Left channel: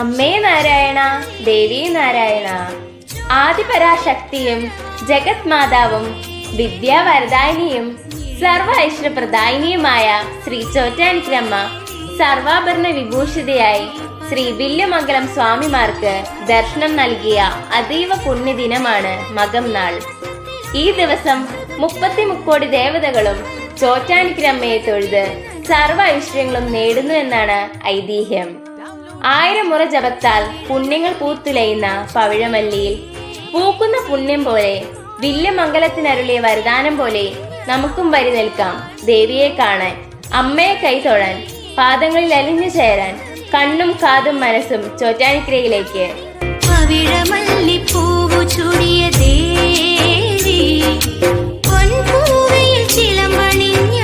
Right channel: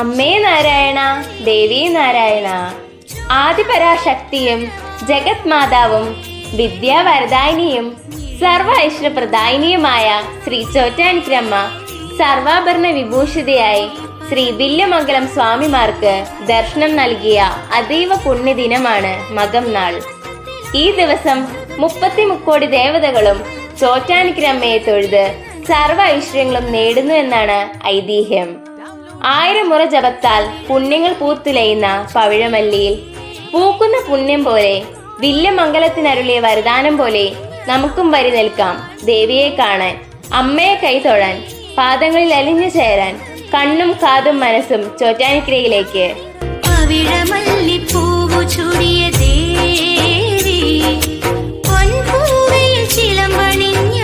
അമ്മേ നാരായണ, ദേവി നാരായണ. ആദിപരാശക്തിയും ജഗത് മാതാവും വിദ്യാവരദായിനിയും സർവ ഐശ്വര്യപ്രദായിനിയുമായ ശ്രീ ചോറ്റാനിക്കരമ്മ സർവാഭരണ വിഭൂഷിതയായി ശ്രീ വില്യമംഗലം സ്വാമിമാർക്ക് ദർശനം നൽകിയ അതീവ പുണ്യദിനമാണ് മകം നാൾ. ഈ ദിവസം 30 കോടി ദേവതകളും ചോറ്റാനിക്കരമ്മയെ തൊഴുത് സർവ ഐശ്വര്യങ്ങളും നേടുന്നു എന്നാണ് ഐതിഹ്യം. 1000 മുറ ജപത്താൽ പുണ്യങ്ങൾ പൂത്തുലയുന്ന പവിഴമല്ലിയിൽ പൂക്കുന്ന പുണ്യം പോലെ വില്യമംഗലത്തിനരുളിയ വരദാനം പോലെ നമുക്കും വരി നിൽക്കാം ദേവിയെ കാണാൻ, അമ്മയെ കൈതൊഴാൻ, പാദങ്ങളിൽ അലിഞ്ഞു ചേരാൻ, കണ്ണും കാതും മനസ്സും ചോറ്റാനിക്കരയിലേക്ക്. പവിഴമല്ലിപ്പൂവു ചൂടിയ ദേവി, പൊൻപൂവയിൽ ചിലമ്പണിഞ്ഞ